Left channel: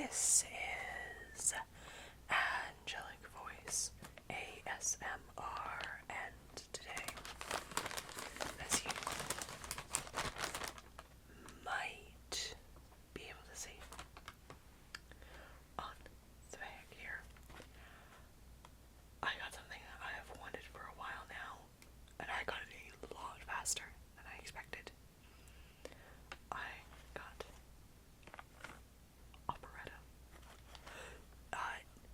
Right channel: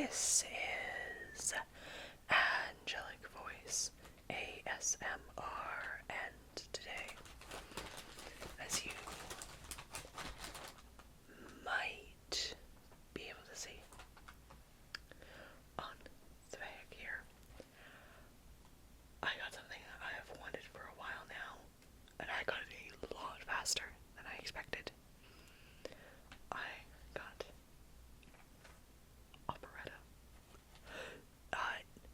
This is Angellic Voice ASMR, and today, as you might be able to see on the back here, I got something that I have wanted for a while now, and I got it a lot faster than I expected. I got Operetta.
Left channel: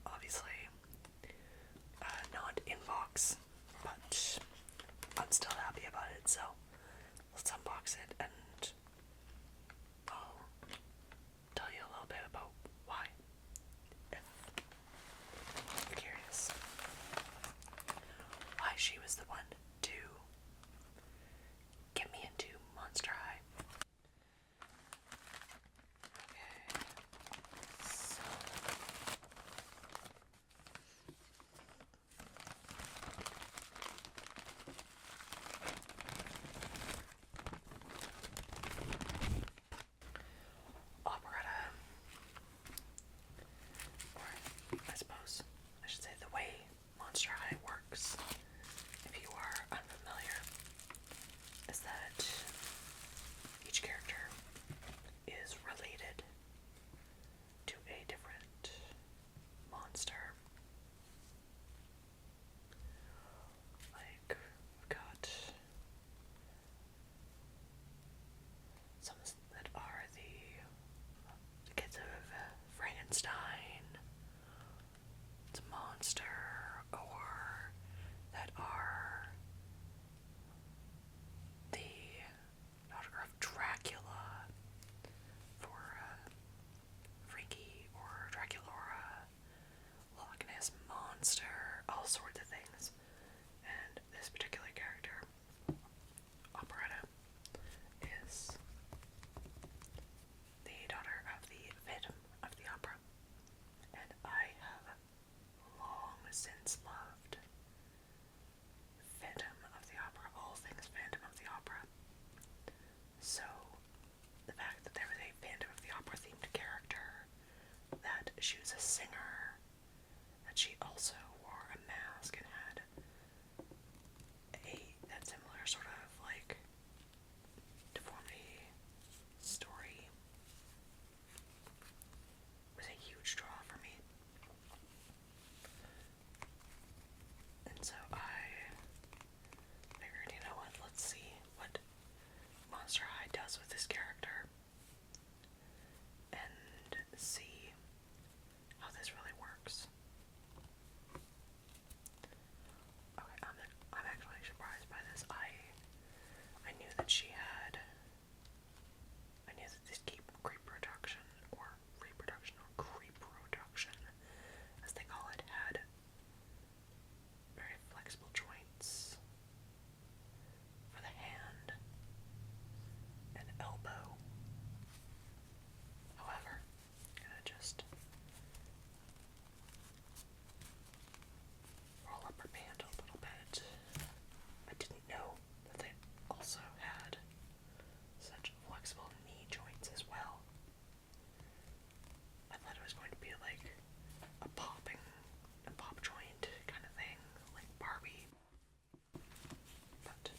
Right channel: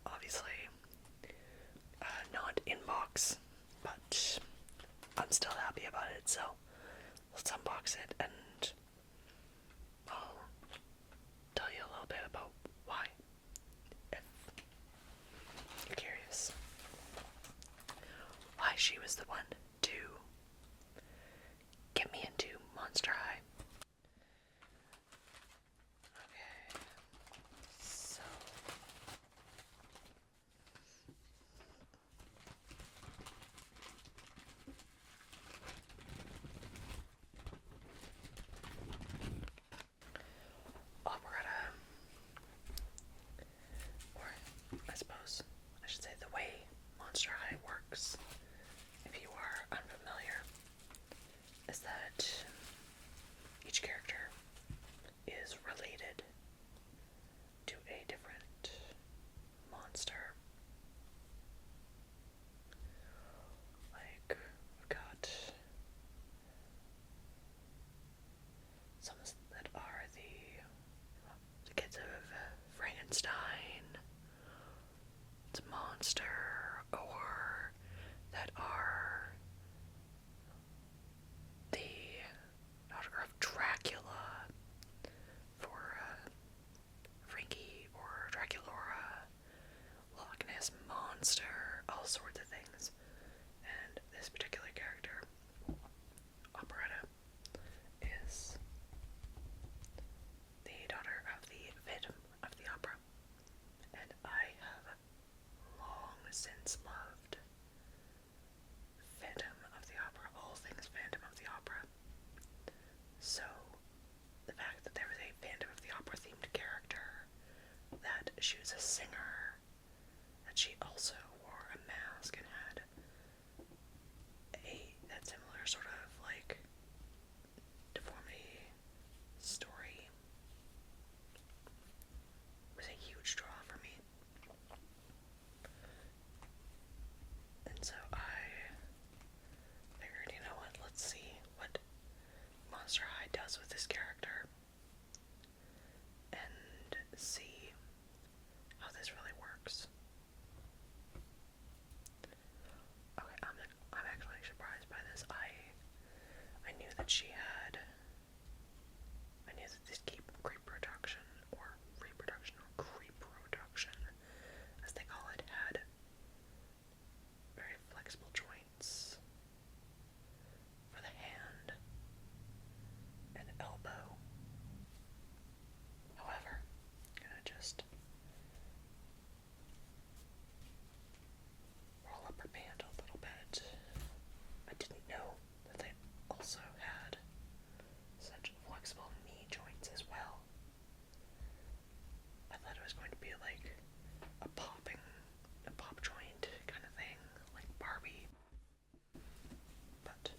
Obviously, not in box, but I'm still happy about it, so let's unbox it and I'll tell you a little bit about why, if you're curious. Why she was the one to get me into Monster High. Okay, so Operetta, or I suppose I should say the way Monster High works, if you are unfamiliar, is that each character is related to a different monster. Like, we've got some that are the kids of Frankenstein, it's a monster, or that are the daughter of Dracula for Frankie, or Draculaura, Loch Ness Monster, all sorts of things. And this particular character, Operetta, is the daughter of the Phantom of the Opera. And I have long since loved Phantom of the Opera, all things Phantom of the Opera. So, the fact that there was a Phantom of the Opera themed character, that she was a singer, that she also wore a mask and had that similar sort of like deformity story, was a huge draw for me. And so I figured, you know what, let's see what Monster High does with this character and see how this really works. Okay, I'm actually surprised by this. I knew that she had, I knew that this creep production, or reproduction, or creep production, as they call it, had very flexible joints for the hand and elbow. However, I'm gonna just roll up her band a little bit. I didn't know that they also had such flexible knee joints as well. I thought it was going to be like a pop joint kind of thing, like Barbie, but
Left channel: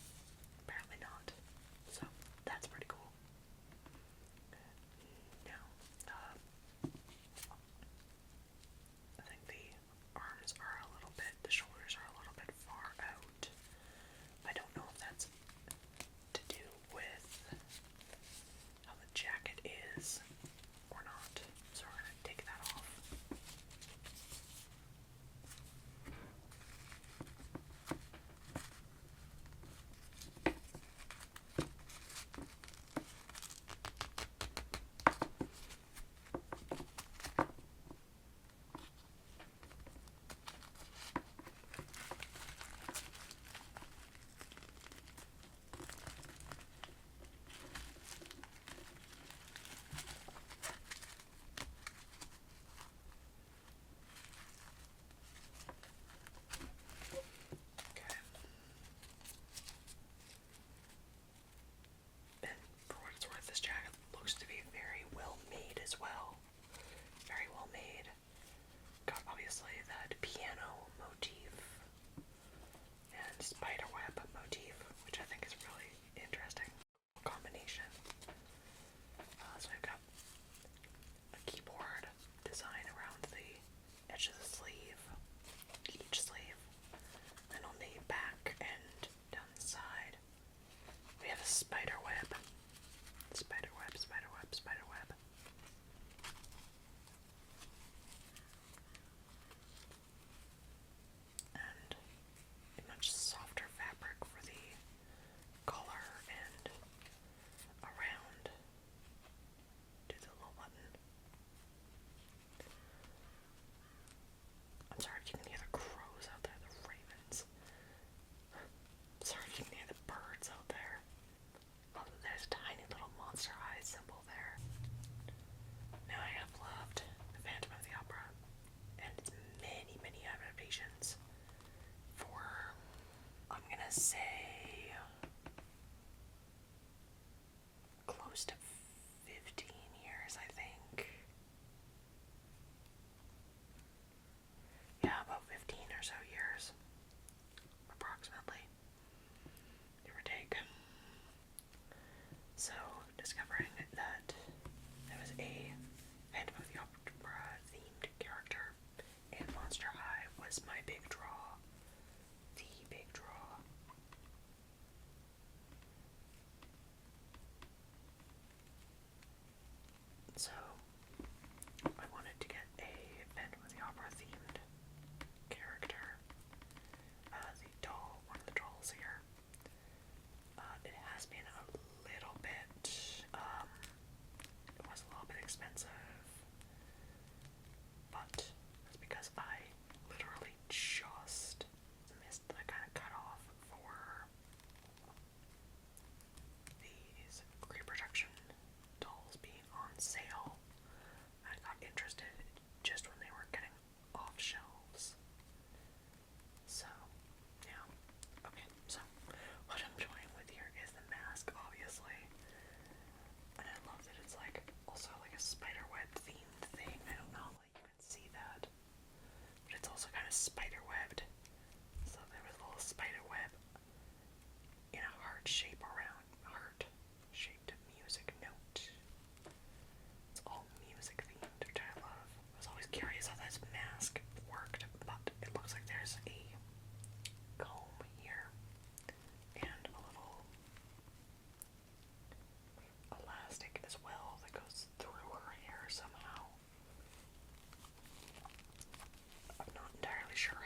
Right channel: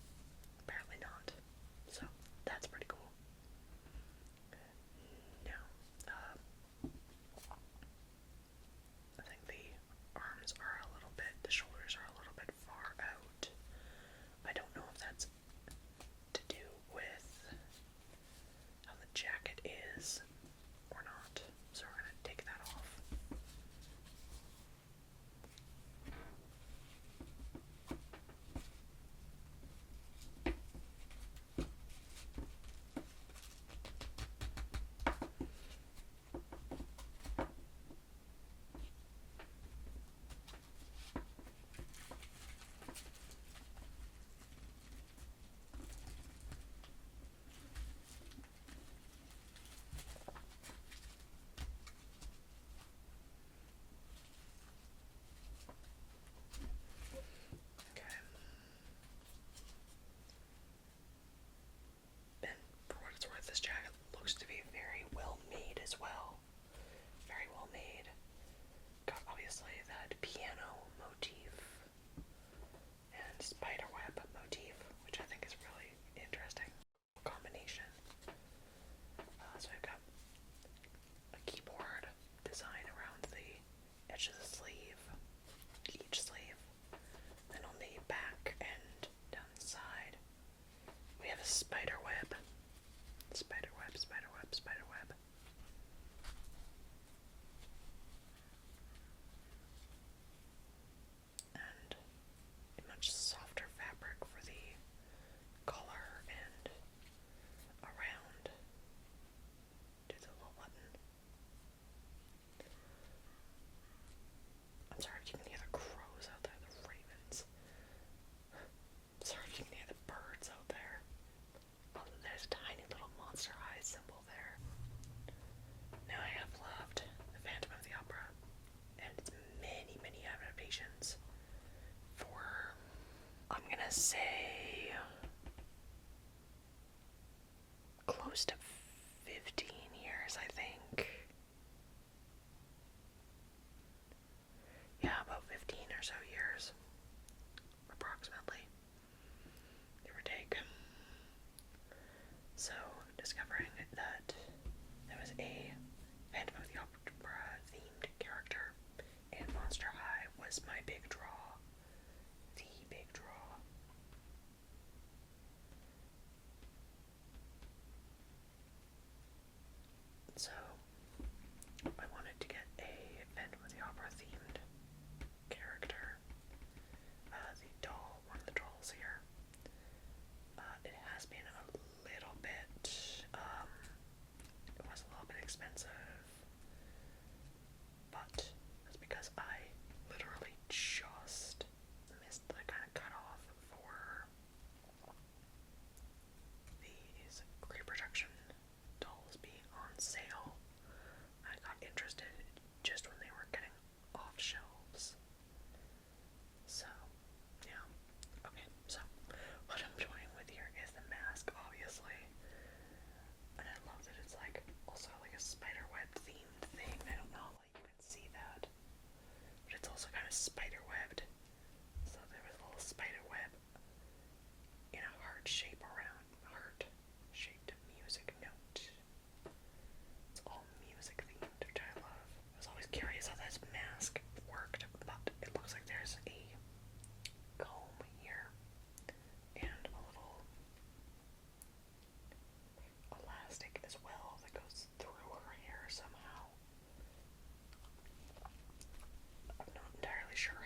apparently not. So that's pretty cool. Now, I think the arms are a little bit, the shoulders are a little bit far out. I don't know if that's to do with how the jacket is or not, so we're gonna take that off. This jacket looks to be very well made as well. Very well made. Got obviously that piano motif and spiderweb motif, which I think is really interesting combination. So I've got a keyboard design around the edge of the sleeve, each sleeve, and on the back and down the side we have a spiderweb, spiderweb, spiderweb, spiderweb. And a much softer fabric for the collar and around to the little button. I'm sorry if you can hear the crows out there, the ravens. I'm sorry if you can hear the birds out there. Oh, there's a tiny little monster eye symbol there. Now I have loved The Phantom of the Opera and its many, many adaptations for, I'm gonna say, close to 15 years, I think. Yeah, about 15 or so years, approximately, give or take. So, discovering that there was a Phantom of the Opera themed character in Monster High was my big draw. The big draw. So, I wanted to get a Phantom of the Opera themed character. The doll, one of the dolls here. It has been a little bit, it was a little bit expensive, but that's because I literally just missed the kind of cutoff for these reproduction dolls being on sale. I got interested just when they were getting off shelves. So, yeah. Okay, so what I'm toying with here is the mask, obviously. And I love that it's like also like a spiderweb themed thing. I don't know, like you can see that. But it's also kind of spiderwebbed. So there was a little spiderweb in a heart shape around heart-shaped music note. It's all music themed, which I love. I was always curious how this mask worked, but it looks like there's a comb here and a little elastic as well that goes through her hair somehow. I'm not entirely sure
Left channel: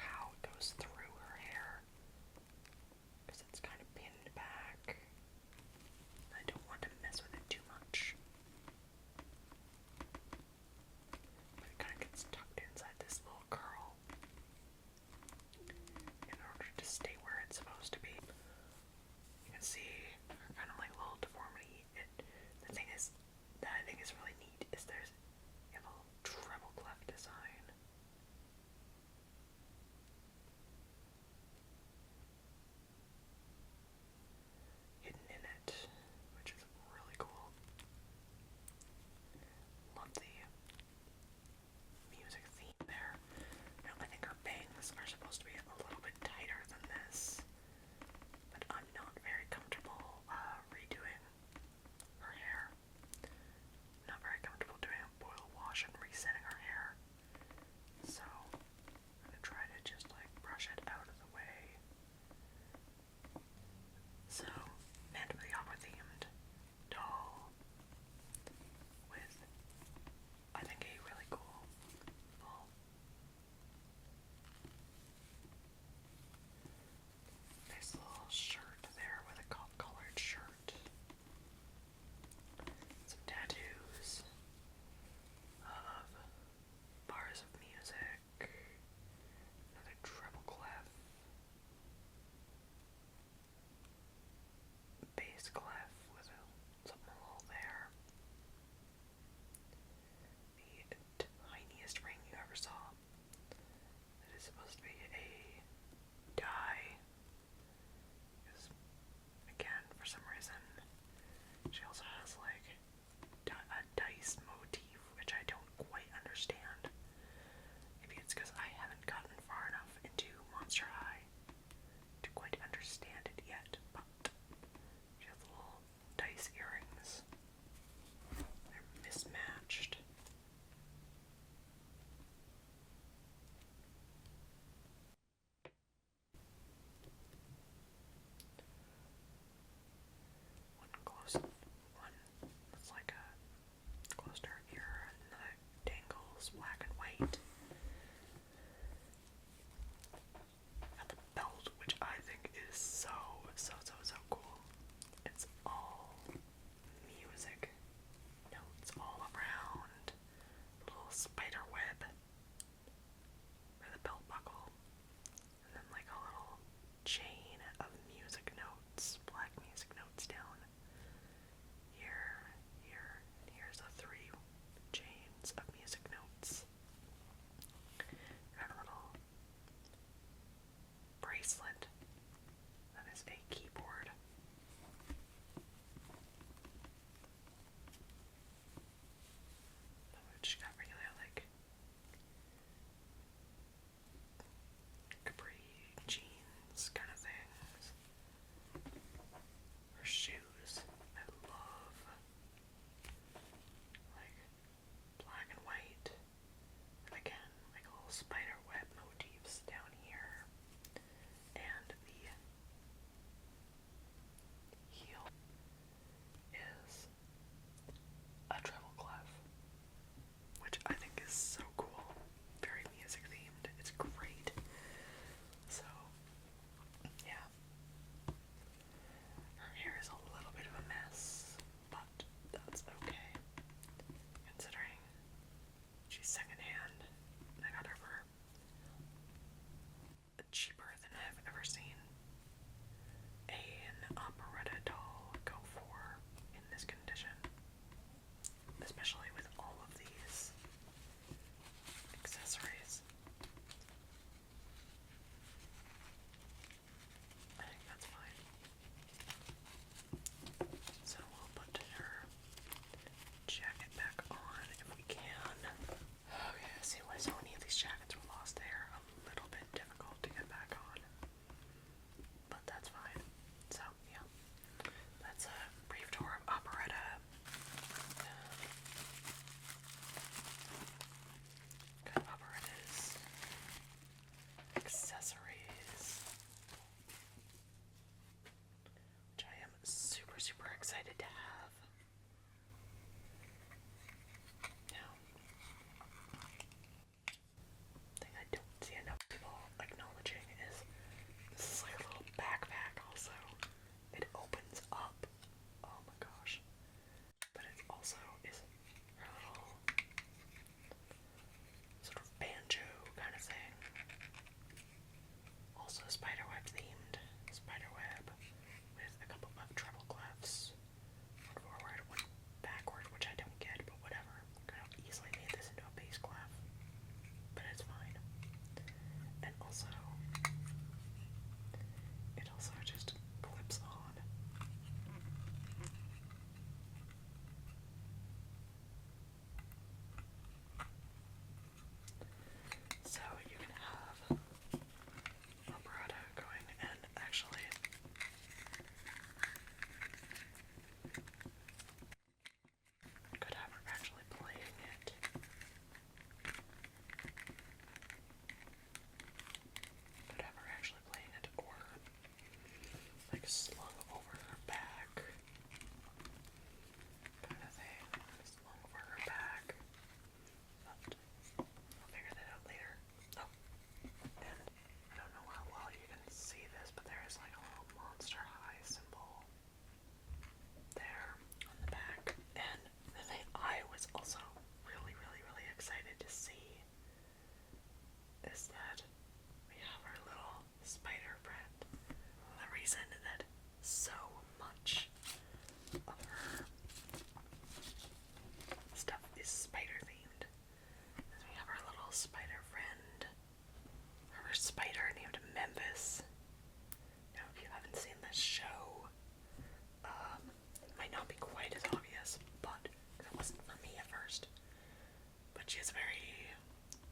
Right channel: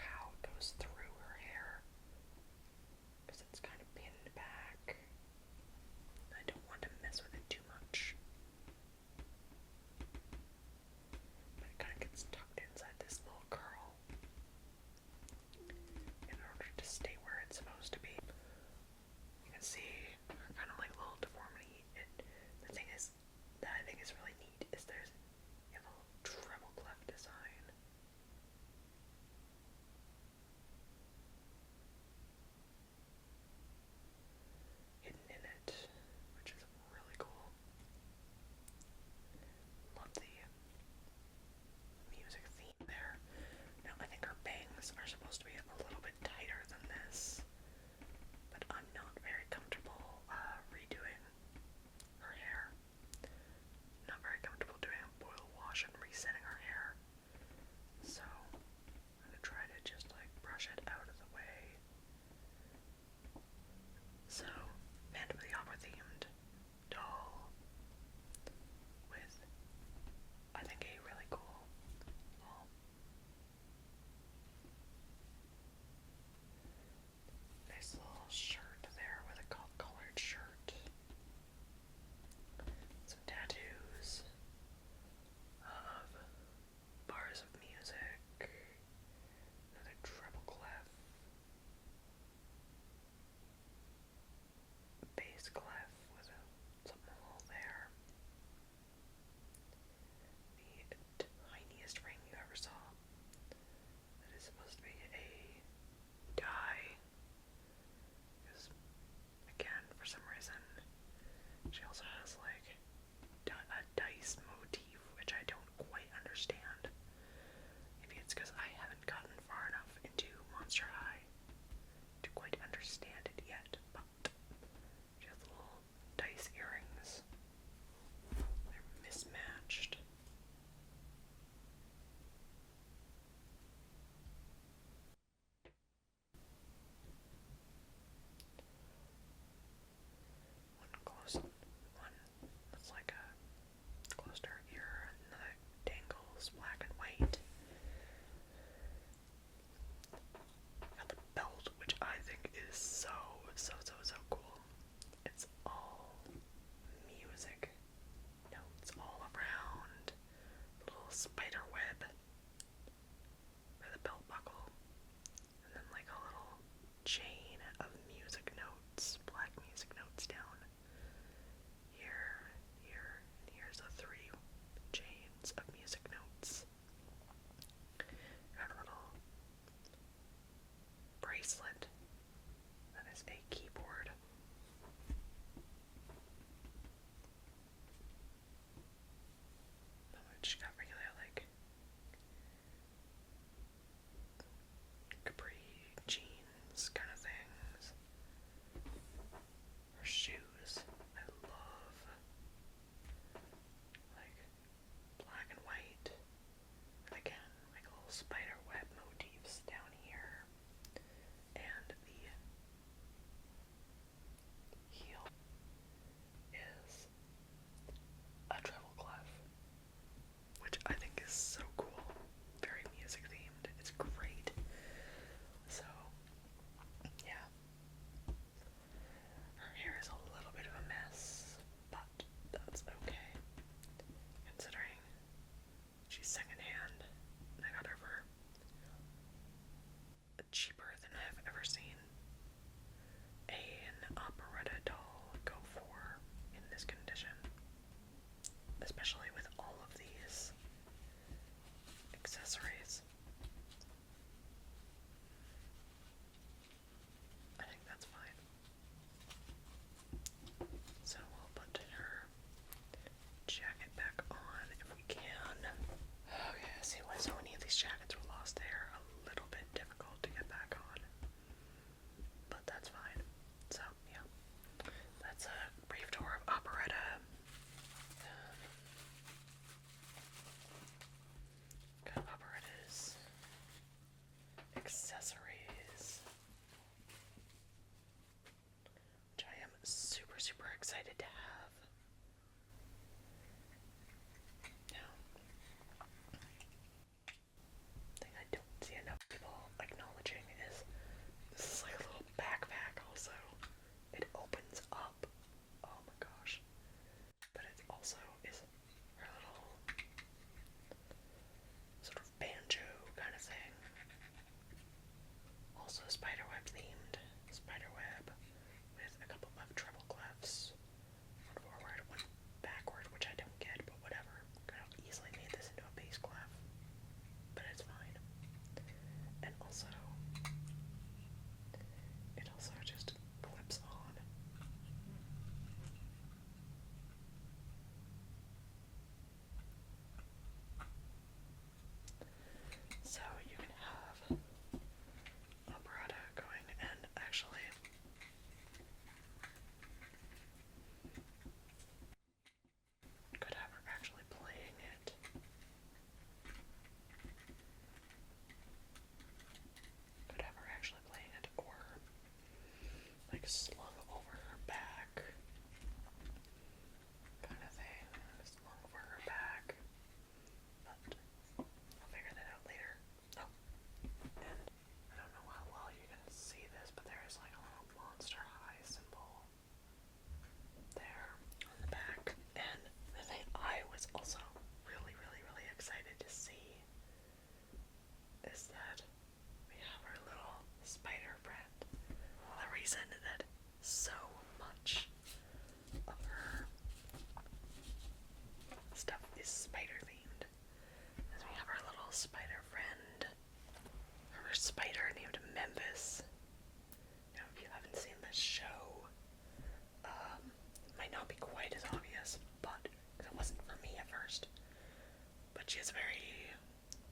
She has a very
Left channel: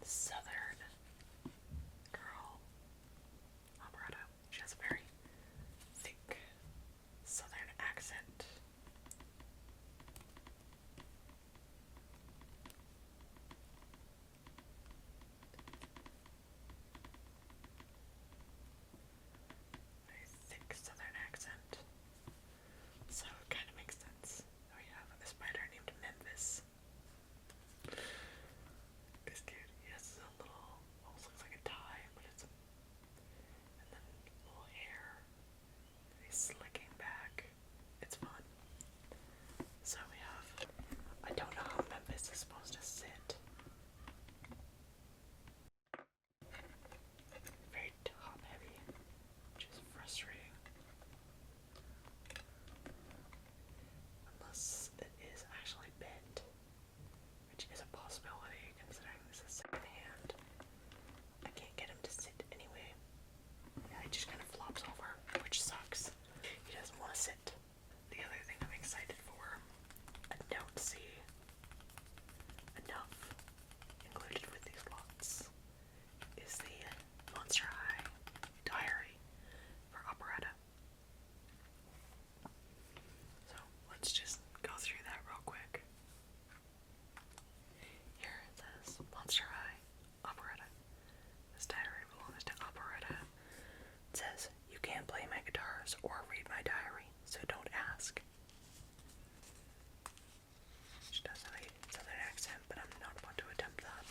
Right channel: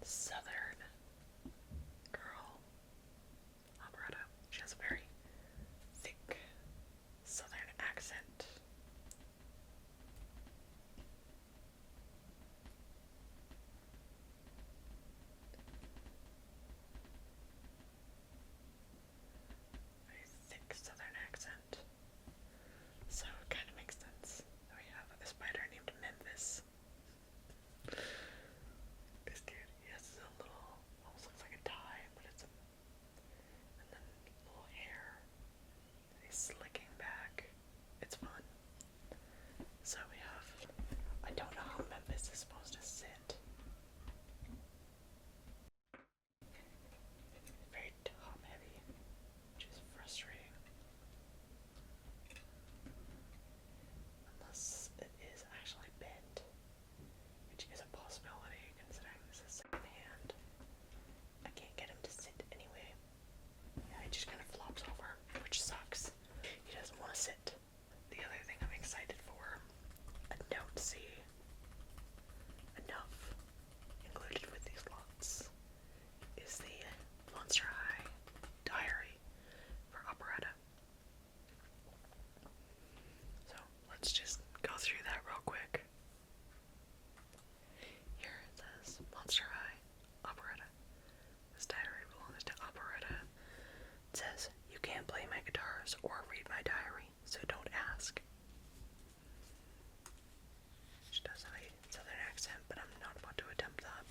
southern girl, Operetta. She has a very thick southern accent. Very thick southern accent. So it kind of makes sense. We have a spider named Memphis. This dude, he has a little, almost looks like a tie, but it's a, and then little hair. He's slicking back. It's fun. So we have, I don't know how Memphis is supposed to sit. Very top heavy, which is frustrating. Unless it is actually bent, which is a possibility considering this is second hand. I can't get him to sit anyway. Yeah, he just kind of flops over, which sucks. He doesn't want to sit. The other thing I'm excited for, I don't see enough included with these lots, is the Monster High Diary for Operetta. So let's just go through that real quick. Here it says Monster High Operetta. This diary belongs to Operetta. It says, you can't play my guitars or read my diary, so don't ask. She does have a southern accent, but I'm not about to attempt that.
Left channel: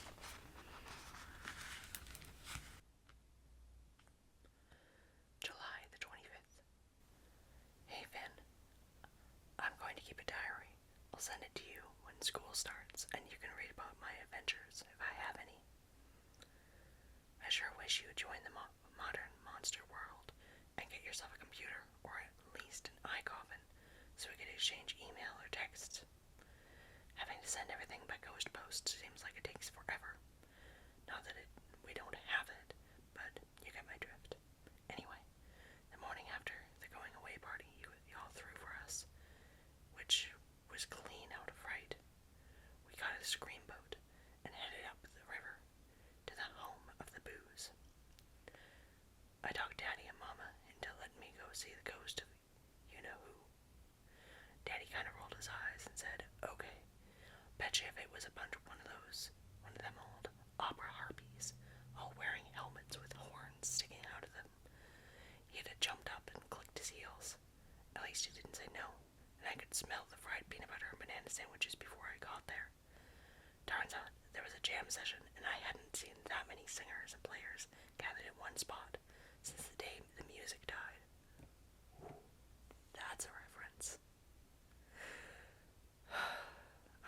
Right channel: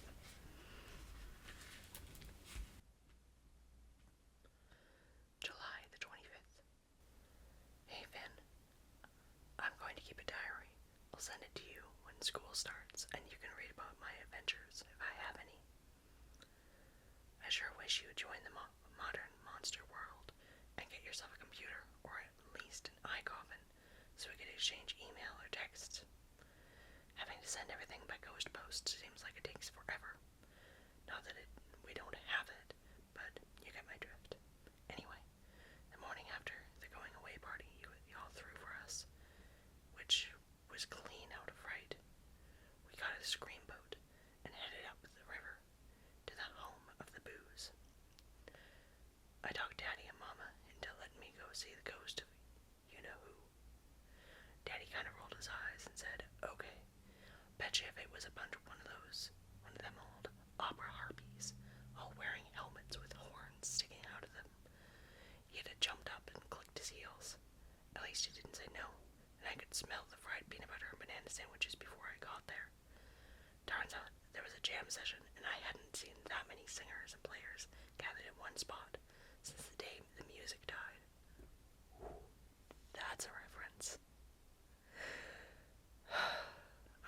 July the 25th. Hey Finn, I'm going to keep a diary. I'll send it to you when school starts, and you can read about my adventures if I have any. I sure wish you would join the modern monster world and get yourself a computer, or at least an iCoffin, so we could exchange email or texts. Having to send everything by ghost post seems like it takes forever. Not that we don't have it, but you get my drift. Anyway, the morning after the going away party y'all threw for us, which was clean out of fright, we got a scream boat and headed up the river to the home of the booze. I talked Daddy and Mama into letting me go see the ghost of you-know-who. Daddy kind of rolled his eyes and said, okay, betcha if it was one of them old opera harpies, all wearing helmets with horns sticking out of them. He'd have jumped up and clicked his heels. At least he didn't say no, and I could smell the fried peanut butter and banana sandwiches before I got there. Turns out there was a jam session, and I hadn't seen that many singers and players gathered in one spot since the day the music died. Ooh, that's a reference.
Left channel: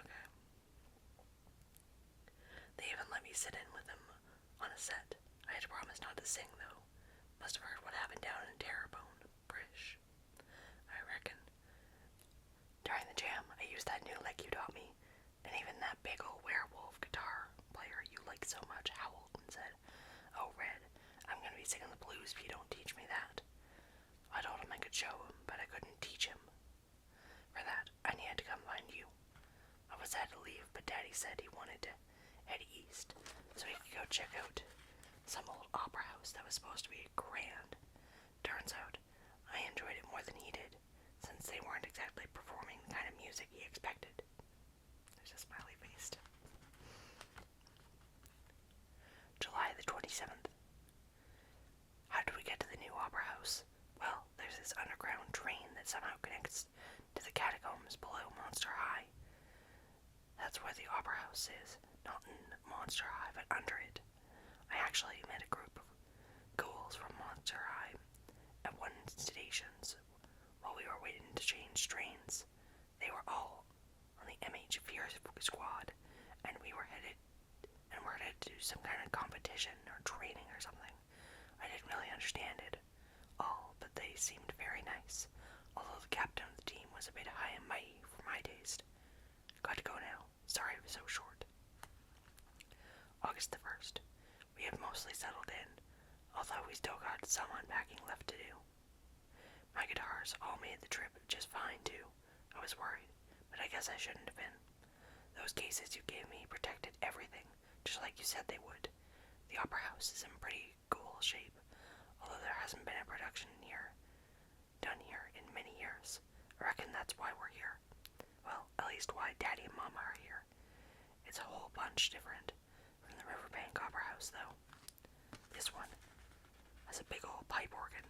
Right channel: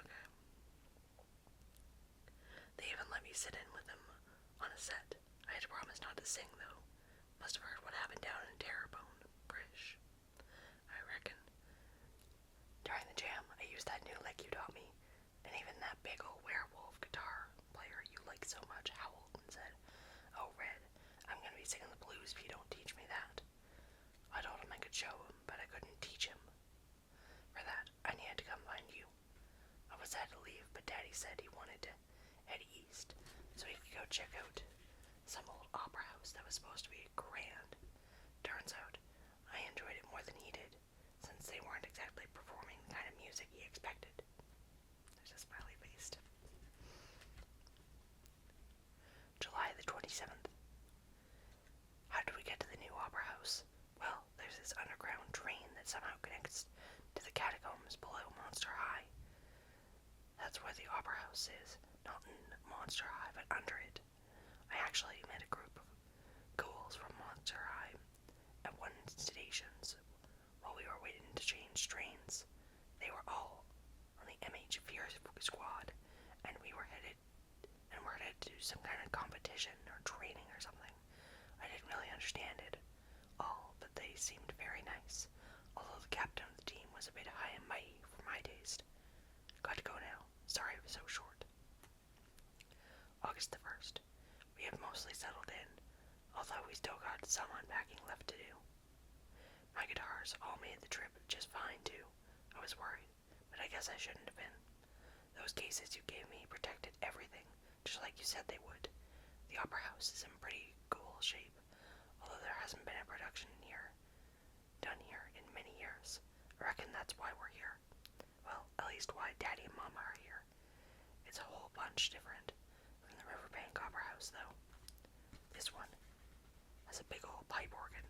Okay. They even let me sit in with them on a set. I had promised not to sing, though. Must have heard what happened down in Terrebonne, British, I reckon. During the jam, I used that new lick you taught me, and even that big old werewolf guitar player you like so much howled and said, oh, Red, I'm gonna be singing the blues if you don't teach me that. I told him I could show him, but I couldn't teach him. For that, I needed to come find you. I was sad to leave, but Daddy said he wanted to head east, so he could go check out some old opera house that was supposed to be grand. Turns out, I enjoyed it more than he did, since they weren't exactly performing the kind of music he expected. There's a smiley face. July the 27th. How did we get to the new opera house? Well, there's this underground train that somehow connects to the catacombs below Monster High. That's where the opera house is, not in Monster High, but under it. I actually met a group of ghouls from Monster High at one stations while we were waiting to change trains. They were all on the MH Fear Squad, and we were headed to do some kind of competition or training or something. I didn't really understand it all, but they seemed very nice, although the captain of the team was a bit high and mighty for my taste. Got to go now. Sorry it was so short. August the 1st. We have mostly settled in, although we still got some unpacking left to do. My guitars all made the trip just fine too. I was worried, but I guess I shouldn't have been. Those Those cases you gave me protected everything, just like you said they would. The Opera House is in pretty cool shape, although there hasn't been a production done here in many years. I reckon that's why we're here. Well, at least why Daddy and Mama are here. It's a whole bunch different from the Riverbank Opera House, though. This one has a big old pipe organ.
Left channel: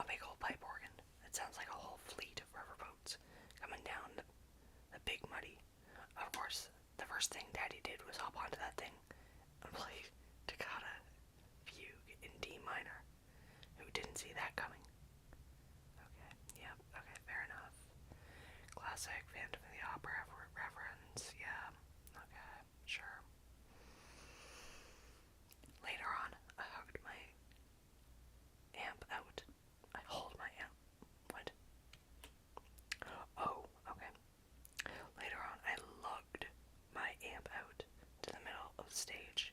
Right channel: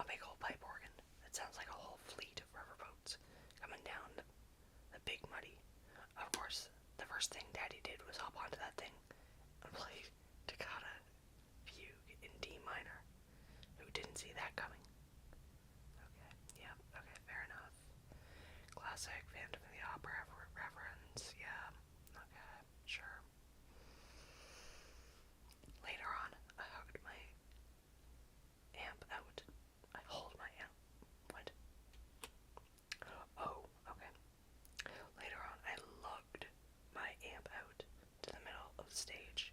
A big old pipe organ. It sounds like a whole fleet of riverboats coming down the Big Muddy. Of course, the first thing Daddy did was hop onto that thing and play Toccata Fugue in D minor. Who didn't see that coming? Okay, yep, okay, fair enough. Classic Phantom of the Opera reference, yeah, okay, sure. Later on, I hugged my amp out. I hold my amp. What? Oh, okay. Later on, I lugged my amp out to the middle of the stage,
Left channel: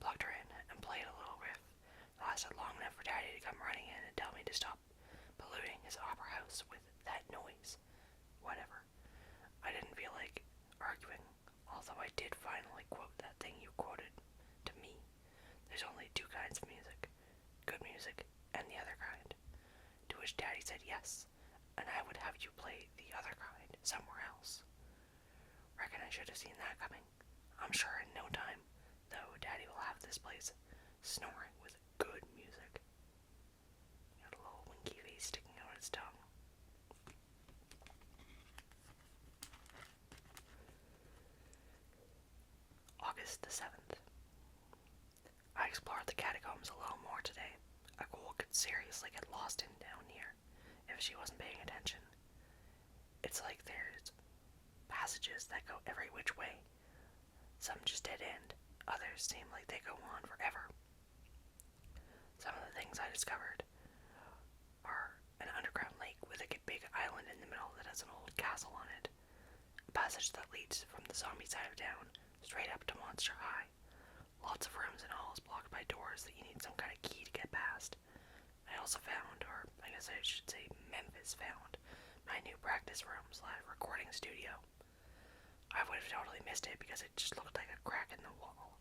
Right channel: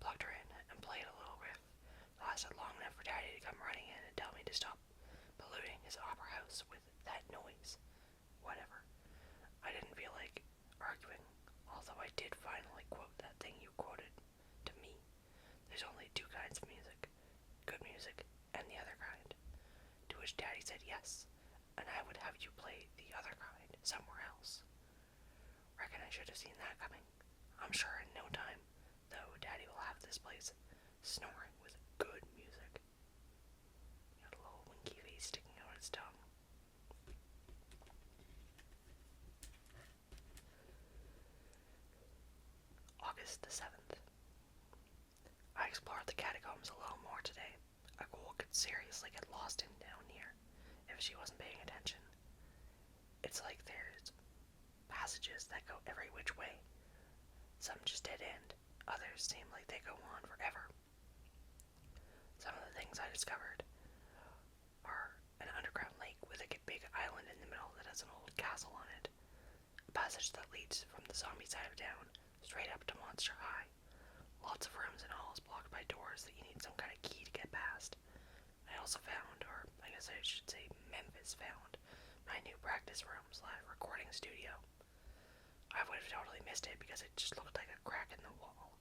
plugged her in, and played a little riff. It lasted long enough for Daddy to come running in and tell me to stop polluting his opera house with that noise. Whatever. I didn't feel like arguing, although I did finally quote that thing you quoted to me. There's only two kinds of music, good music and the other kind. To which Daddy said yes, and I would have you play the other kind somewhere else. Reckon I should have seen that coming. I'm sure in no time, though, Daddy will have this place snoring with good music. Got a little winky face sticking out its tongue. August the 7th. I explored the catacombs a little more today. A ghoul could seriously get lost in down here if she wasn't paying attention. It's like there's passages that go every which way. Some just dead end, others seem like they go on forever. Some of the things I discovered are an underground lake with a big island in the middle that has an old castle on it. A passage that leads from the zombie side of town straight up to Monster High. Lots of rooms and halls blocked by doors that you need some kind of key to get past. I also found, or I guess I should say Memphis found, my new practice room's live recording studio. I would have totally missed it because it just looked like a crack in the wall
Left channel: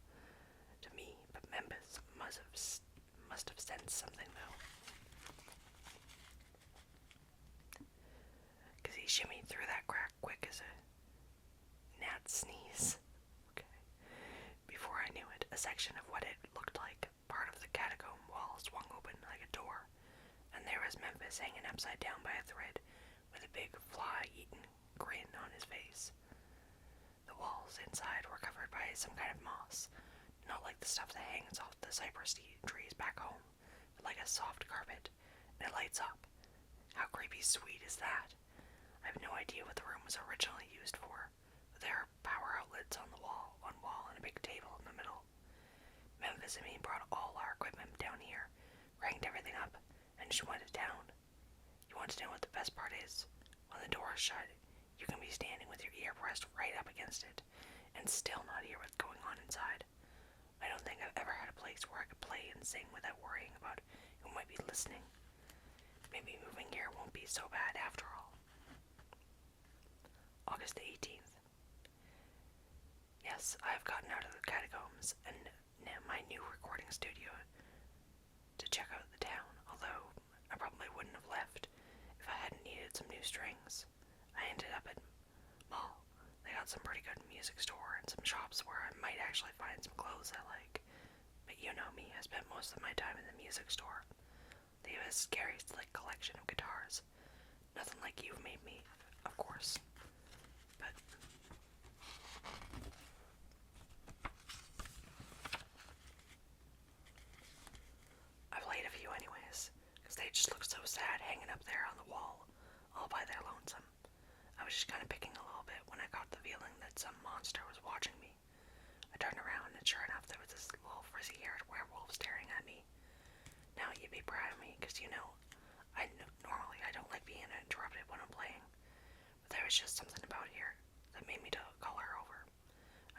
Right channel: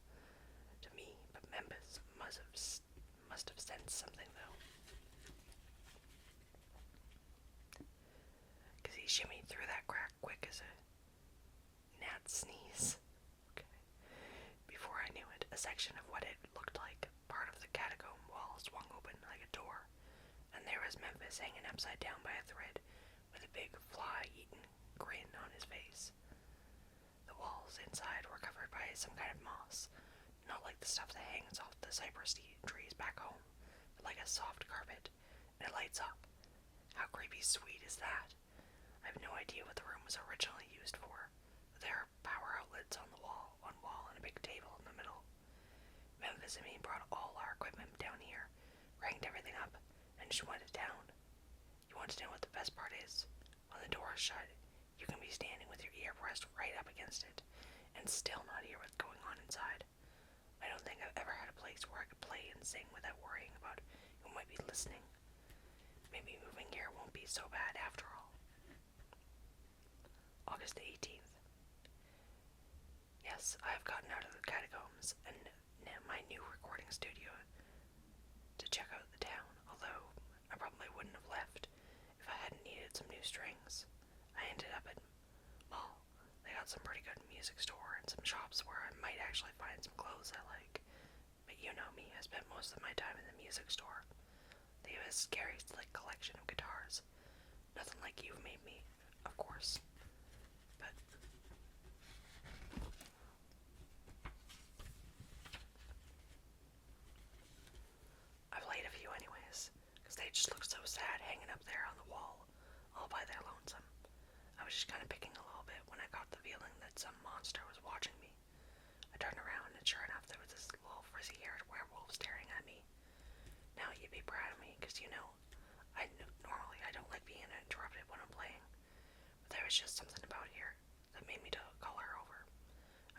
to me, but Memphis must have sensed something though. Because he shimmied through that crack quick as a gnat's sneeze. Okay. Before I knew it, a section of what it looked like part of the catacomb wall swung open like a door, and there was Memphis hanging upside down by a thread with a big fly-eaten grin on his face. The walls inside were covered by some kind of moss, not like the stuff that hangs off the cypress trees back home, but like a soft carpet, and it lights up. How creepy sweet is that? I have no idea what the room was originally used for, but there are power outlets on one wall and a big table in the middle. Memphis and me brought all our equipment down here, cranked everything up, and just went it down. You want to know what the best part is? When the door is shut, you can be standing with your ear pressed right up against it, and still not hear what's going on inside. I don't think I've ever had a place where I could play and sing without worrying about who might be listening. Maybe moving here won't be so bad after all. August 18th. Yes, I have gotten out of the catacombs and my new recording studio to check out the town, although I probably wouldn't have left if I hadn't needed some new strings. I ended up at Mall. They got some pretty good music store and some shops where I might actually find some clothes I like. But you know me, I spent most of my time in the music store. They have a scary slick collection of guitars. Nothing like you've made me, of course. But I played a few anyways, because they just look so sad hanging up there on the wall, all by their lonesome. I was just kind of picking a little bit when I got the feeling that some monster was watching me. I turned around and sure enough there was this little frizzy-haired werewolf staring at me. Now you'd be proud of me, because you know, normally I don't like being interrupted when I'm playing, but there was just something about here that made me call her over.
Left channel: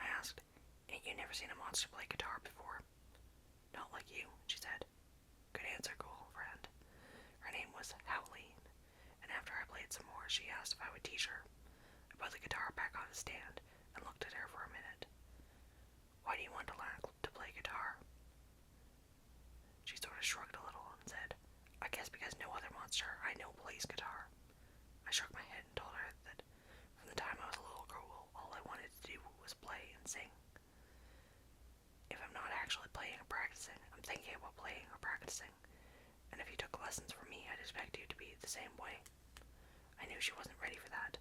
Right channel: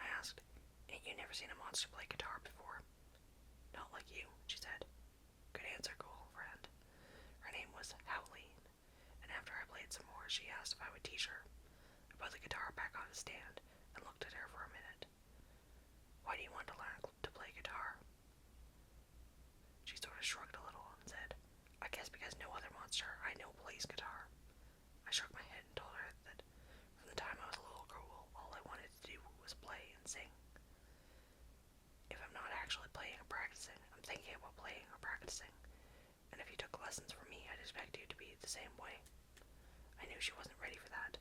I asked, "Ain't you never seen a monster play guitar before?" "Not like you," she said. "Good answer, floor, she asked if I would teach her. I put the guitar back on the stand and looked at her for a minute. Why do you want to learn to play guitar? She sort of shrugged a little and said, I guess because no other monster I know plays guitar. I shook my head and told her that from the time I was a little girl, all I wanted to do was play and sing. If I'm not actually playing or practicing, I'm thinking about playing or practicing, and if you took lessons from me, I'd expect you to be the same way. I knew she wasn't ready for that.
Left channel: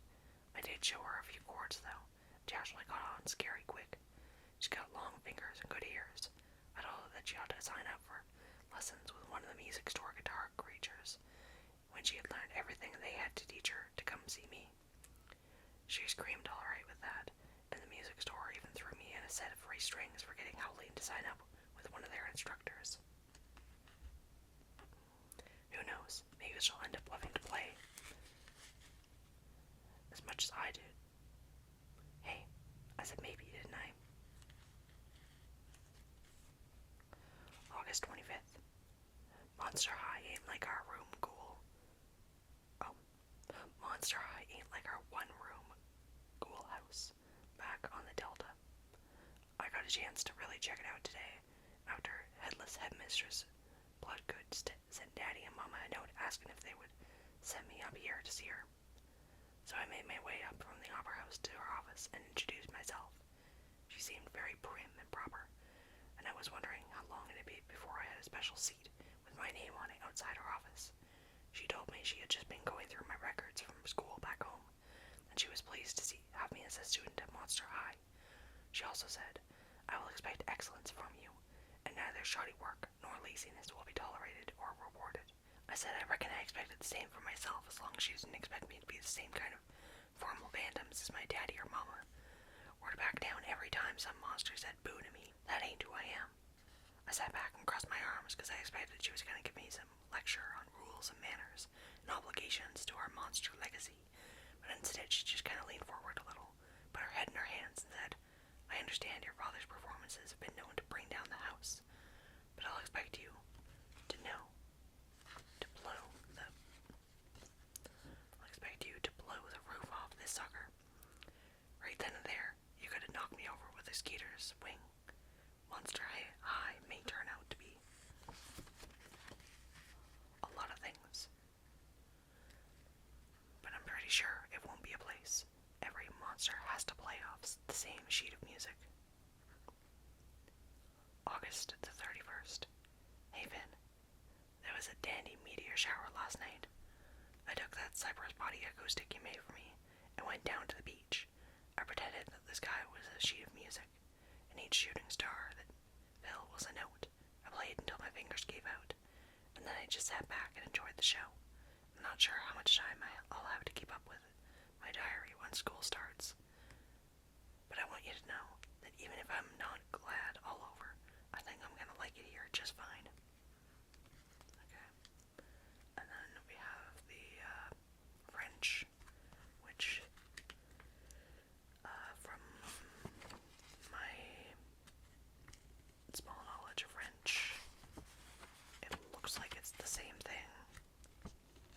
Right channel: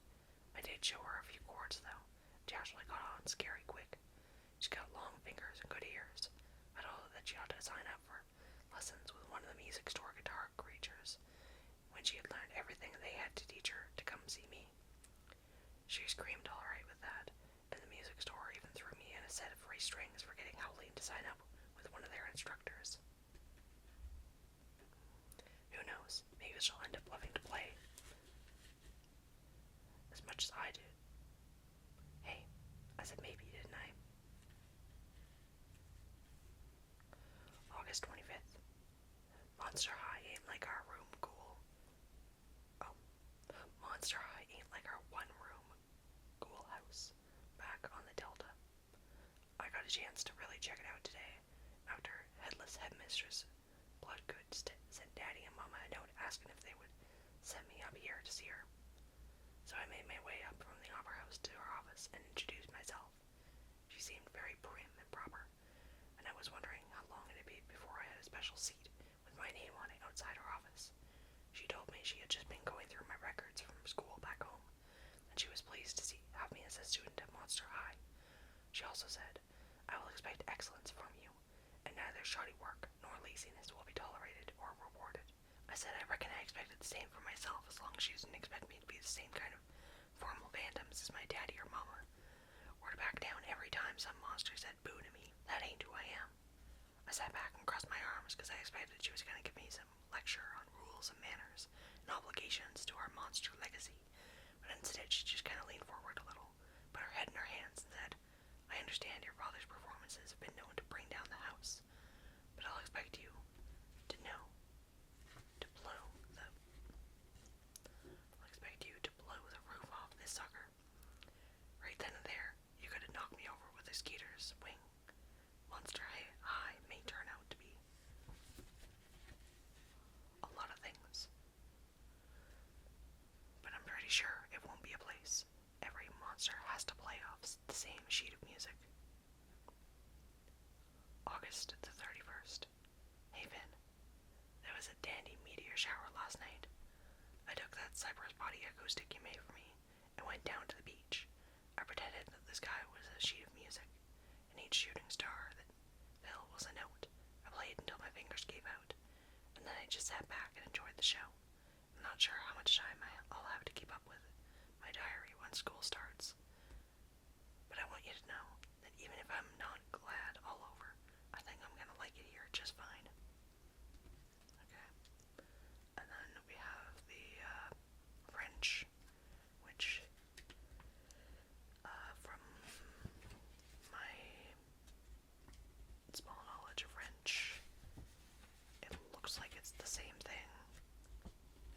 I did show her a few chords, though. She actually got on scary quick. She's got long fingers and good ears. I told her that she ought to sign up for lessons with one of the music store guitar creatures when she had learned everything they had to teach her to come see me. She screamed all right with that, and the music store even threw me in a set of free strings for getting Howleen to sign up with one of their instructors. Who knows, maybe she'll end up loving to play as much as I did. Hey, I said maybe, didn't I? August 25th. Monster High ain't like our room, ghoul. Oh, Monster High ain't like our one-room ghoul house back on the Delta. I got a chance to really check it out today after Headless Headmistress Bloodgood sent Daddy and Mama a note asking if they would send me up here to see her. So I made my way up from the opera house to her office and introduced myself. She seemed very prim and proper, and I was wondering how long it'd be before I had a special seat with my name on it outside her office. She told me she had just been going through my records from school back home, and she was pleased to have me as a student at Monster High. She also said, I will expect excellence from you, and neither shoddy work nor laziness will be tolerated or rewarded. I said I reckon I expected the same for myself as long as she didn't expect me to be the same kind of formal phantoms as my daddy or mama, or to back down every time some monster said boo to me. That ain't who I am. I sat back and crossed my arms because I expected she was going to give me some lecture on rules and manners and obligations to our monster legacy, but instead she just kind of leaned forward a little, put her head in her hands and said, I understand your father's performances have been known to bring down the house, but I'll expect you to know to blow the roof off this sucker. Right then and there, you could have knocked me over with a skeeter's wing. Monster High may turn out to be a lot of things, but I'm pretty sure it won't be a place every monster has to play off the same sheet of music. August the 31st. Hey Finn, there was a dandy meteor shower last night. I took that Cypress body acoustic you made for me and went down to the beach. I pretended that the sky was a sheet of music, and each shooting star that fell was a note. I played until my fingers gave out, and then I just sat back and enjoyed the show. I'm not sure how much time I'll have to keep up with my diary when school starts, but I want you to know that even if I'm not glad all over, I think I'm gonna like it here just fine. Okay. And then we have the French, which from my small knowledge of French, it looks like it's the same thing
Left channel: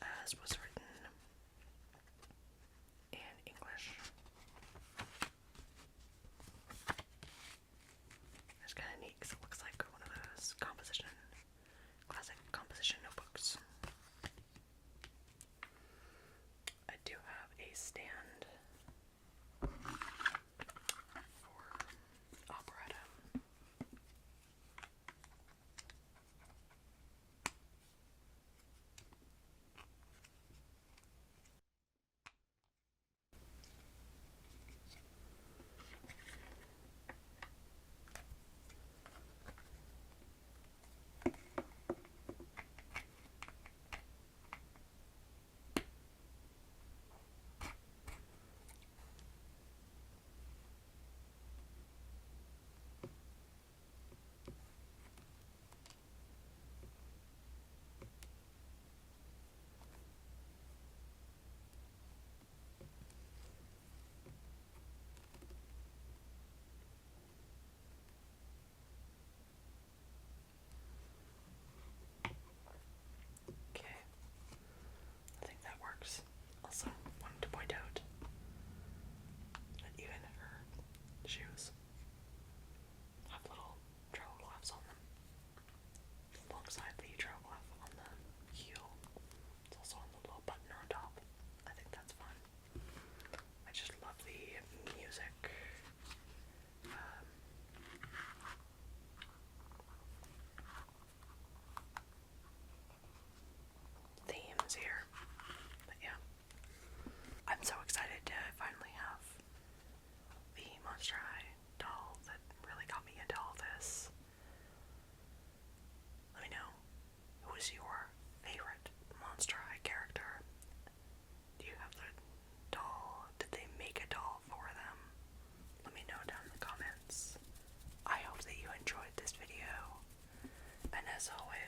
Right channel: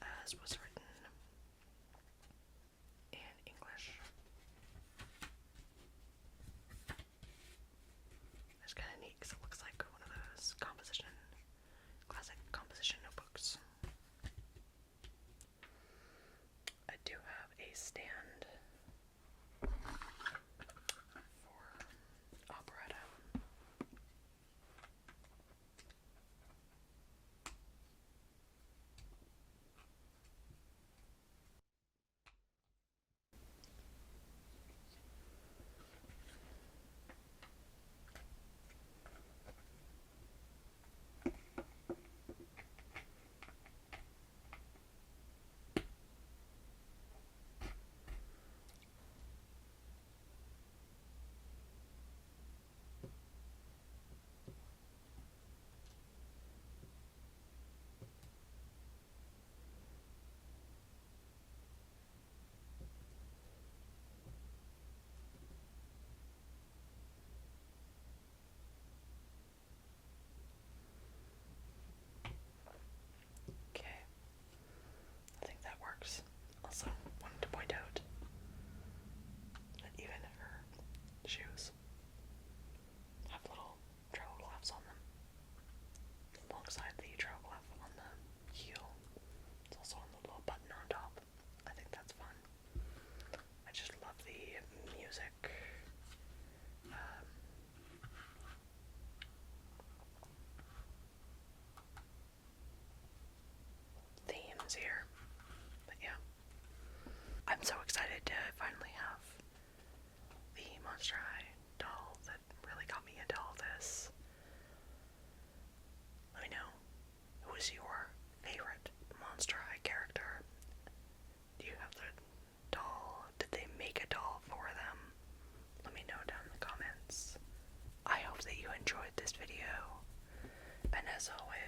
as was written in English. It's kind of neat because it looks like one of those composition alongside the troglyph on the heel. It's also on the little button on top. I think that's fun. I just love the music. Themes here. But yeah. I'm so excited to finally have the Monster High doll that really got me into all this. Let me know, who is your favorite Monster High character? Do you have the doll? Did they make a doll for them? Let me know down in the comments. I hope that you enjoyed this video, and as always,